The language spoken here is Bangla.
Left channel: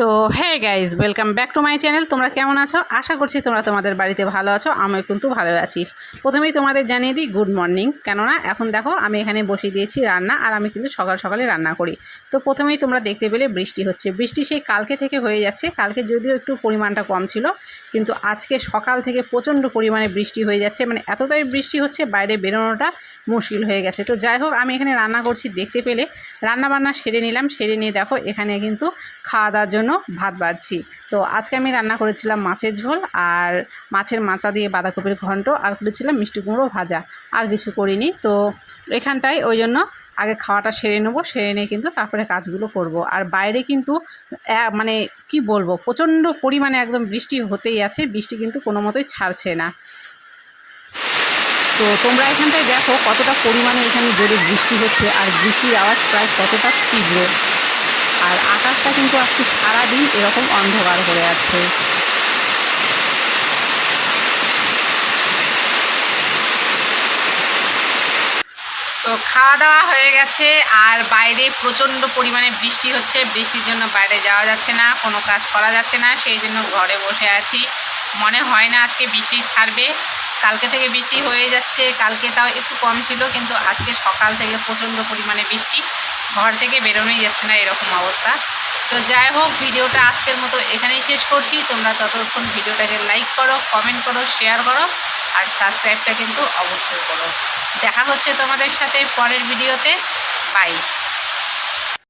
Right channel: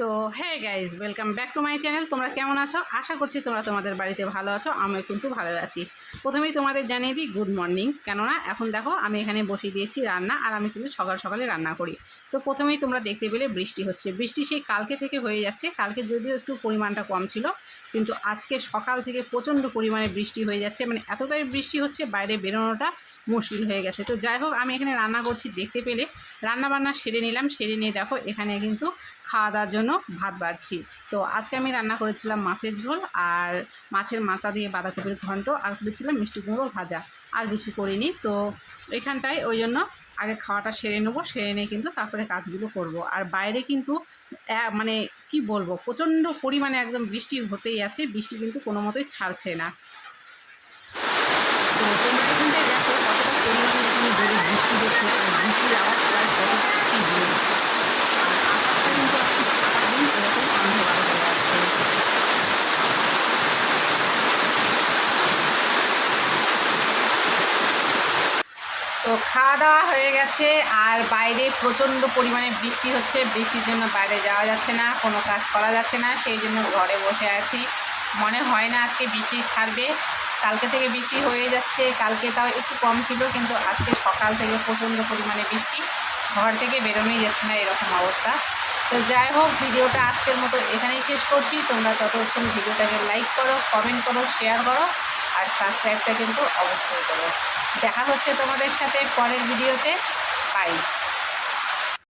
তো হ্যাঁ guys, welcome back to my channel. তোমরা কেমন আছো? আশা করছি তোমরা তোমাদের বাড়িতে ভালো আছো। আমি কিন্তু ভালো আছি। প্রথমেই তোমাদের জানিয়ে দিই গুড মর্নিং, কেননা এখন দেখো আমি এখানে বসিয়ে দিয়েছি রান্না, আর আমি কিন্তু সকাল সকালে রান্না করি। তো প্রথমেই তোমরা দেখতে পেলে বৃষ্টি হচ্ছে। বৃষ্টি সেই কালকে থেকে হয়ে যাচ্ছে। কালকে যদিও একটু পরিমাণটা কম ছিল, কিন্তু আজকে সকাল থেকে প্রচণ্ড পরিমাণে বৃষ্টি হয়ে যাচ্ছে। মানে এতটাই বৃষ্টি হচ্ছে, বাইরে বেরোনোটা মুশকিল হয়ে গেছে। তো যাই হোক, আমি এখানে রান্না করছি, দেখতে পেলে রান্না বান্না সেরে নিলাম। সেরে নিয়ে দেখো এখানে কিন্তু খাওয়া দাওয়ার জন্য ভাত বাড়ছি। তো আজকে আমি রান্না করেছিলাম মাছের ঝোল, আর মাছের মাথা দিয়ে বাঁধাকপির ঘন্ট, আর করেছিলাম মিষ্টি কুমড়ো ভাজা। আর কিছু করিনি। তো এখানটায় ওই জন্য আগে খাওয়াটা সেরে নেবো, সেরে নিয়ে কিন্তু তারপরে কাজগুলো করব। আর বাইরে কিন্তু মানে কি বলবো, প্রচণ্ড পরিমাণে একদম বৃষ্টি হতেই আছে। বৃষ্টি কিন্তু কোনো মতোই ছাড়ছে না। তো তোমরা এখানটায় দেখো কতটা পরিমাণে এখানে জোরে বৃষ্টি হচ্ছে, আর বৃষ্টির আওয়াজ প্রায় কতটা তীব্র। আর আকাশটা কিন্তু আজকে সারাদিন এরকম অন্ধকার হয়ে আছে। তো খাওয়া দাওয়া হয়ে গেছে, আর বাইরে প্রচণ্ড পরিমাণে বৃষ্টি হচ্ছে। বৃষ্টির জন্য বাইরে যাওয়া যাচ্ছে না, কোনো কাজ করা যাচ্ছে না। সেই জন্য ঘরে বসে আছি। মনে হয় না আজকে বৃষ্টি ছাড়বে। কালকে থেকে বৃষ্টি হয়ে যাচ্ছে। কালকে তাও একটু কম ছিল, কিন্তু আজকে সকাল থেকে প্রচণ্ড পরিমাণে বৃষ্টি। ঘর থেকে বেরোনোই যাচ্ছে না, এরকম অবস্থা। তো যাই হোক, ভিডিওটা আজকের মতো এখানেই শেষ করছি। তোমরা ততক্ষণ ভিডিওটাকে লাইক করো, কমেন্ট করো, শেয়ার করো, আর সাবস্ক্রাইবটা কিন্তু অবশ্যই করো। দেখা হচ্ছে তোমাদের সাথে পরের ভিডিওতে। বাই।